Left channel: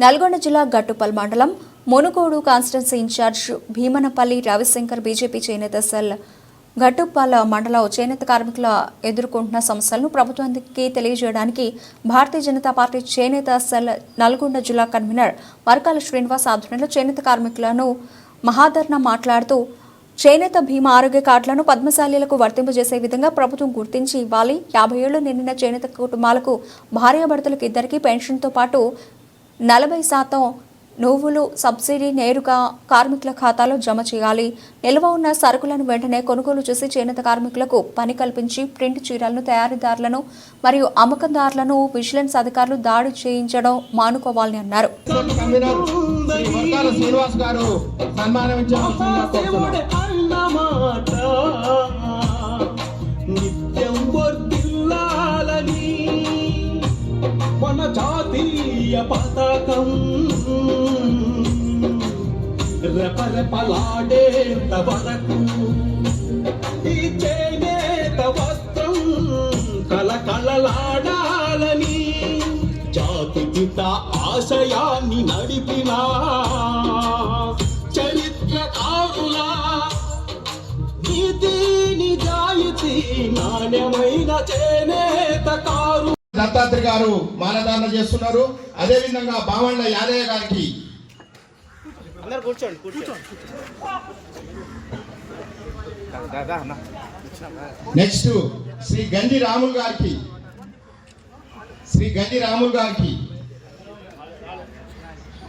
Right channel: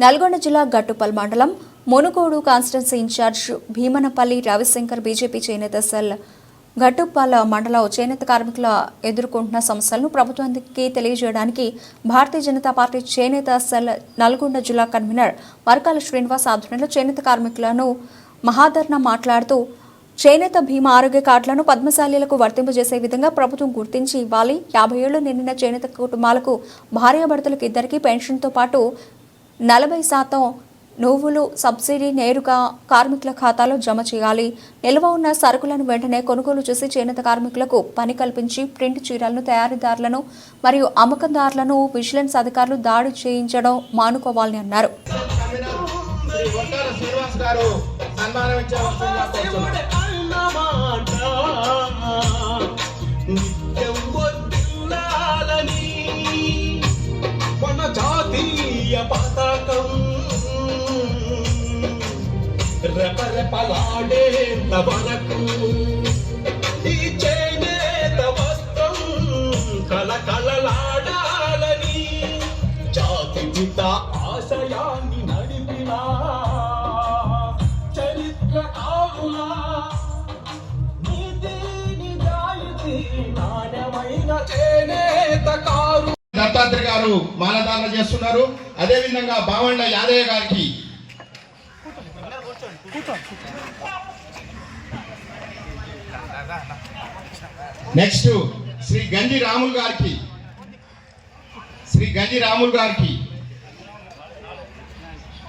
నల్గొండ జిల్లా గట్టుపల్ మండలం Munugode constituency incharge Bhimanapalli Ravishankar BJP చేనేత సెల్ ఘట్టుప్పల్ మండలం చేనేత కార్మికుల ఎదుర్కొంటున్న సమస్యలను ప్రభుత్వానికి తెలియజేయడానికి భారతీయ జనతా పార్టీ చేనేత సెల్ నల్గొండ జిల్లా కన్వీనర్ వర్కాల శ్రీనివాస్ ఆధ్వర్యంలో చేనేత కార్మికులను మహాధర్ణ మాట్లాడుతూ చేనేత భీమా ఆరోగ్య కార్డులను పద్మశాలీలకు వర్తింపజేసే విధంగా ప్రభుత్వం గుర్తించి ఇవ్వాలి. యాభై ఏళ్ళు నిండిన చేనేత కుటుంబాలకు భార్యాభర్తలకు ఇద్దరికి పెన్షన్తో పాటు నలభై శాతం నువ్వులు సబ్సిడీ నేరుగా కార్మికుల ఖాతాలో జమ చేయాలి. నిల్వ ఉన్న సరుకులను వెంటనే కొనుగోలు చేసి చేనేత కార్మికులకు పని కల్పించి ప్రింట్ చీరలను తయారీదారులను మరియు అమ్మకందారులను విజిలెన్స్ అధికారులు దాడి చేయించడం మానుకోవాలని అన్నారు. సన్మానం పిత ఆశయాన్ని నడిపిన చరిత్రకారుల నీతి నిజాయితీ నాణ్యమైన చేనేత కారు దత్తాత్రి గారు మానదాన చేస్తున్నారు. అదే విధంగా బామండ్ల యాదయ్య గారికి నెక్స్ట్ శ్రీ గంజి రాములు గారికి శ్రీ గంజి రాములు గారికి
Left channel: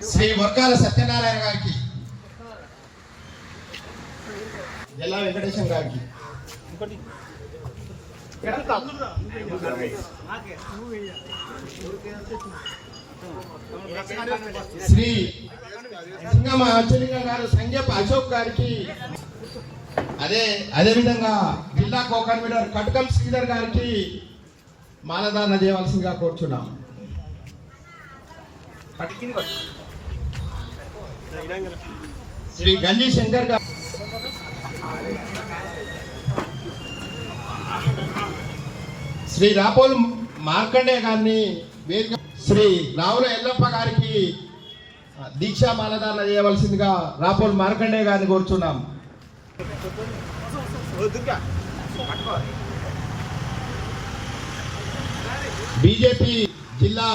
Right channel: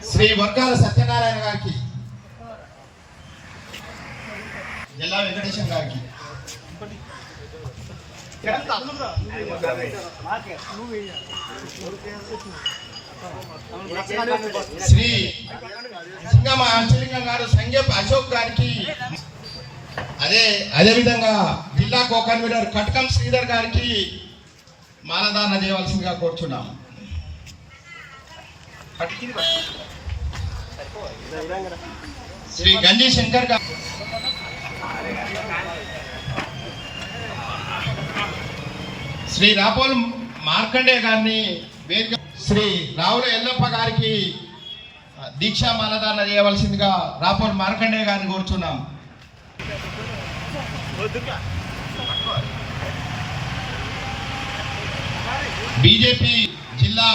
శ్రీ వర్కాల సత్యనారాయణ గారికి జిల్లా వెంకటేశ్వర గారికి. శ్రీ సింగమ అచ్చలింగం గారు సంగేప్ అశోక్ గారికి అదే అదే విధంగా జిల్లా కో కన్వీనర్ కటకం శ్రీధర్ గారికి మానదాన చేయవలసిందిగా కోరుచున్నాం. శ్రీ గంజీ శంకర్ గారు శ్రీ రాపోలు మార్కండే గారిని వేదిక శ్రీ రావుల ఎల్లప్ప గారికి దీక్షా మాలదాన చేయవలసిందిగా రాపోలు మార్కండే గారిని కోరుచున్నాం. బీజేపీ జిల్లా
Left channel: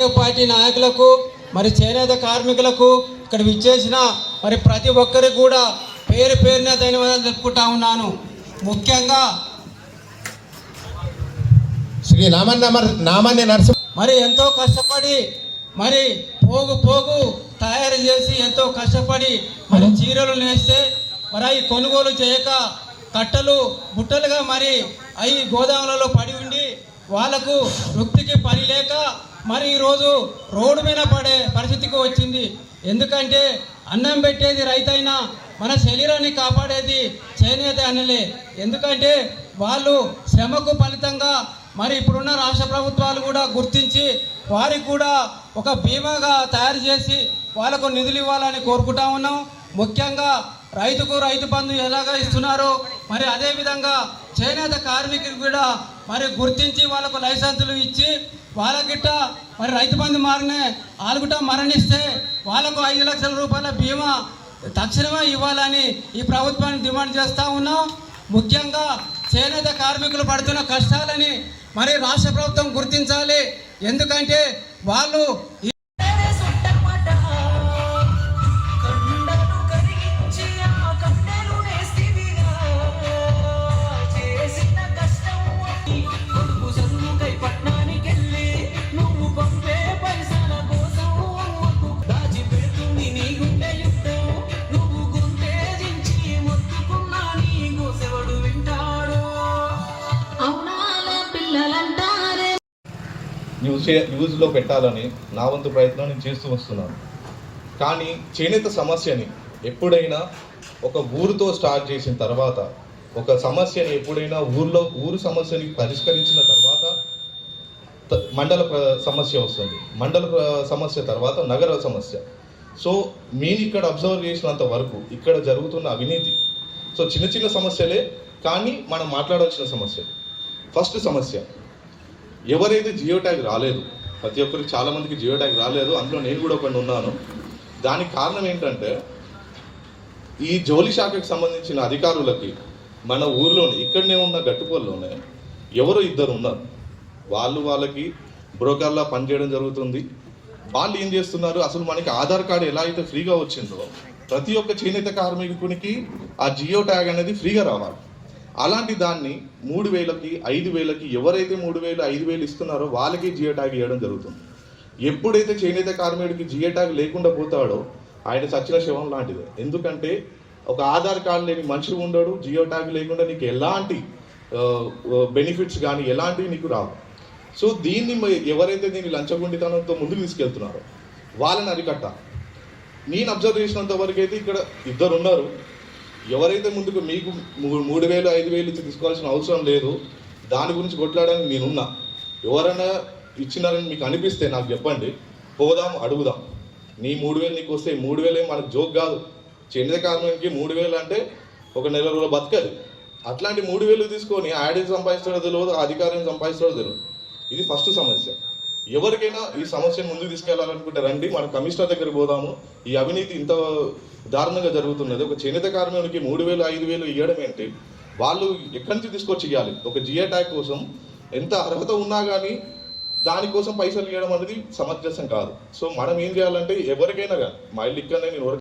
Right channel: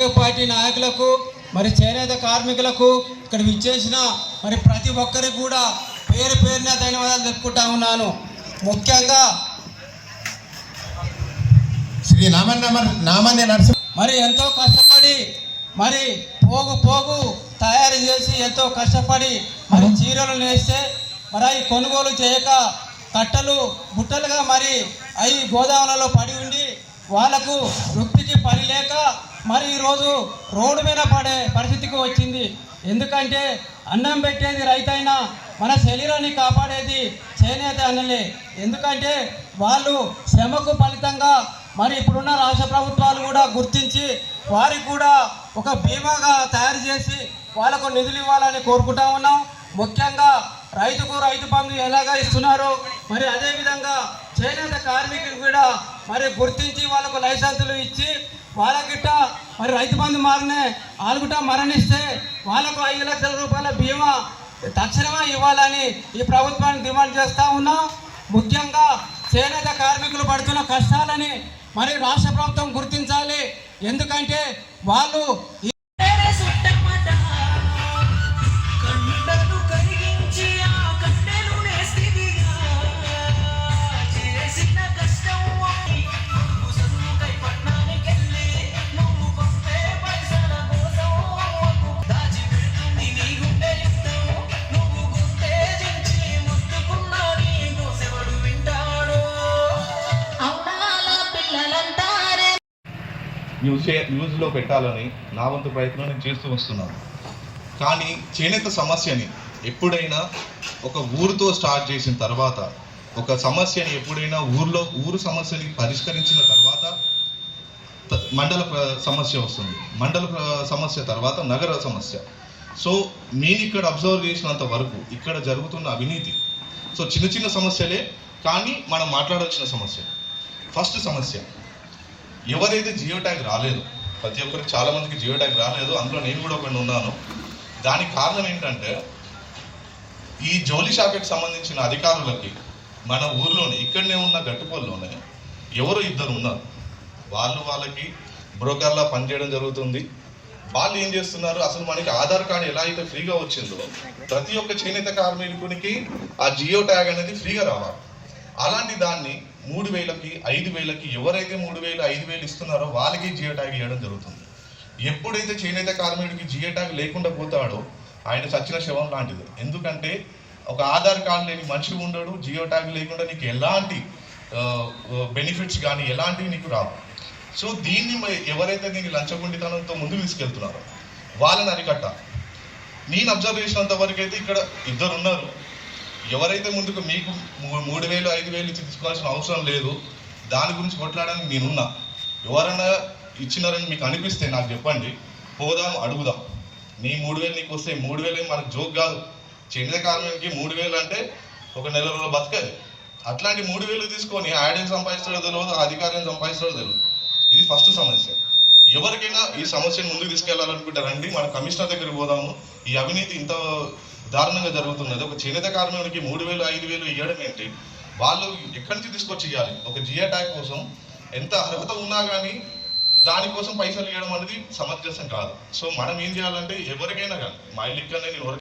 పార్టీ నాయకులకు మరి చేనేత కార్మికులకు ఇక్కడ విచ్చేసిన మరి ప్రతి ఒక్కరికి కూడా పేరు పేరున ధన్యవాదాలు చెప్పుకుంటా ఉన్నాను. ముఖ్యంగా శ్రీ నామన్న నామన్య నరసింహ మరి ఎంతో కష్టపడి మరి పోగు పోగు తయారు చేసి ఎంతో కష్టపడి మరి చీరలు నేస్తే మరి అవి కొనుగోలు చేయక కట్టలు బుట్టలుగా మరి అవి గోదాములలో పడి ఉండి వాళ్ళకు వృత్తికి పని లేక మరి ఈరోజు రోడ్డు మీద పడే పరిస్థితికి వచ్చింది. ఎందుకంటే అన్నం పెట్టేది రైతైనా మన శరీరాన్ని కాపాడేది చేనేత అనలే ఎందుకంటే వాళ్ళు శ్రమకు ఫలితంగా మరి ఇప్పుడున్న రాష్ట్ర ప్రభుత్వాలు కూడా గుర్తించి వారికి కూడా ఒక బీమాగా తయారు చేసి వాళ్ళకు నిధులు ఇవ్వాలని కోరుకుంటా ఉన్నాం. ముఖ్యంగా రైతుకు రైతు బంధు ఎలాగా ఇస్తున్నారో మరి అదే విధంగా చేనేత కార్మికులు కూడా మరి గుర్తించి వాళ్ళకు లైసెన్సులు ఇచ్చి వాళ్ళకిట్ట మరి రైతు బంధు మారినే వాళ్ళకిట మరణిస్తే వాళ్ళకు ఐదు లక్షల రూపాయల బీమా తక్షణమే ఇవ్వాలని ఈ ప్రభుత్వాన్ని డిమాండ్ చేస్తూ ఉన్నాం. ముఖ్యంగా చేనేత కార్మికులు పడుతున్న కష్టాలని మరి రాష్ట్ర ప్రభుత్వం గుర్తించాలి. ఎందుకంటే వాళ్ళు న్యూస్ న్యూస్లో పెట్టాలని నా వంతు ప్రయత్నం నేను చేస్తూ వస్తున్నాను. కానీ చేనేత సమస్యని ఎప్పుడైనా ఒక ఊరితో స్టార్ట్ చేసిన తర్వాత ఒక సమస్యని ఎప్పుడైనా ఊర్లో ఊరు సమస్యని పరిష్కరించిన తర్వాత మండల ప్ర- సమస్య వస్తుంది. మండల సమస్య తర్వాత నగర సమస్య. సో నేను ఇక్కడ అబ్జర్వ్ చేసినంత వరకు ఇక్కడ జరుగుతున్న అవినీతి. సో చిన్న చిన్న సమస్యలే కానీ మనం మాట్లాడాల్సిన సమస్య. ఫస్ట్ సమస్య ఎవరైతే జియో ట్యాగ్ రాలేదు ప్రతి ఒక్కరికి చాలా మందికి జియో ట్యాగ్ రాలేదు అందులో నేను కూడా ఒకటి ఉన్నాను. దానికి కారణం ఏంటంటే ఈ జౌలి శాఖకు సంబంధించిన అధికారులకి మన ఊర్లోనే ఇక్కడనే ఉన్న గట్టుపల్లోనే ఎవరో ఇద్దరు ఉన్నారు. వాళ్ళు వాళ్ళకి బ్రోకర్లా పనిచేయడం జరుగుతుంది. వాళ్ళు ఏం చేస్తున్నారు? అసలు మనకి ఆధార్ కార్డు ఎలా అయితే ఫ్రీగా వచ్చిందో ప్రతి ఒక్క చేనేత కార్మికునికి ఆ జియో ట్యాగ్ అనేది ఫ్రీగా రావాలి. అలాంటి దాన్ని మూడు వేలకి ఐదు వేలకి ఎవరైతే మూడు వేలు ఐదు వేలు ఇస్తున్నారో వాళ్ళకి జియో ట్యాగ్ ఇవ్వడం జరుగుతుంది. ఎప్పుడైతే చేనేత కార్మికుడికి జియో ట్యాగ్ లేకుండా పోతాడో ఆయన చచ్చిన శవం లాంటిదే. ఎందుకంటే ఒక ఆధార్ కార్డు లేని మనిషి ఉండడు జియో ట్యాగ్ లేకుండా నీకు ఎలాంటి బెనిఫిట్స్ కానీ ఎలాంటివి నీకు రావు. సో దీన్ని ఎవరైతే దీన్ని లంచగొండితనంతో ముందుకు తీసుకెళ్తున్నారో వాళ్ళని అరికట్టాలి. నేను అబ్జర్వ్ చేసినంత వరకు అయితే ఇక్కడ ఇద్దరు ఉన్నారు. ఎవరైతే ముందుకు మీకు మూడు వేలు ఐదు వేలు ఇచ్చి తీసుకోవాల్సిన అవసరం లేదు దాని గురించి కొట్లాడడానికి నేనున్నా. ఎవరైనా ఇచ్చినారని మీకు అనిపిస్తే నాకు చెప్పండి. పోదాం అడుగుదాం. నీ మూడు వేలు నీకు వస్తే మూడు వేలు మనకు జోక్ కాదు. చెందిన కార్మికునికి మూడు వేలు అంటే ఒక నెల రోజులు బతకదు. అట్లాంటి మూడు వేలు తీసుకొని ఆడికి సంపాదిస్తాడో తెలియదు ఆ అధికారిని సంపాదిస్తాడో తెలియదు. ఇది ఫస్ట్ సమస్య. ఎవరికైనా ఈ సమస్యను ముందుకు తీసుకెళ్ళాలనుకుంటే రండి మన కమిషనర్ దగ్గరికి పోదాము. ఈ అవినీతి ఇంత దారుణంగా జరుగుతున్నది. ఒక చేనేత కార్మికునికి మూడు వేలు ఐదు వేలు ఇవ్వడం ఏంటి? వాళ్ళు ఎక్కడి నుంచి తీసుకొచ్చి ఇవ్వాలి ఒక జియో ట్యాగ్ కోసం ఎంత అర్హత ఉన్నా కానీ దానికోసం పైసలు ఇవ్వడం అనేది సమంజసం కాదు. సో మనం ఏం చేయాలంటే ఎవరికైనా కానీ మా ఇల్లు ఇక్కడ నేను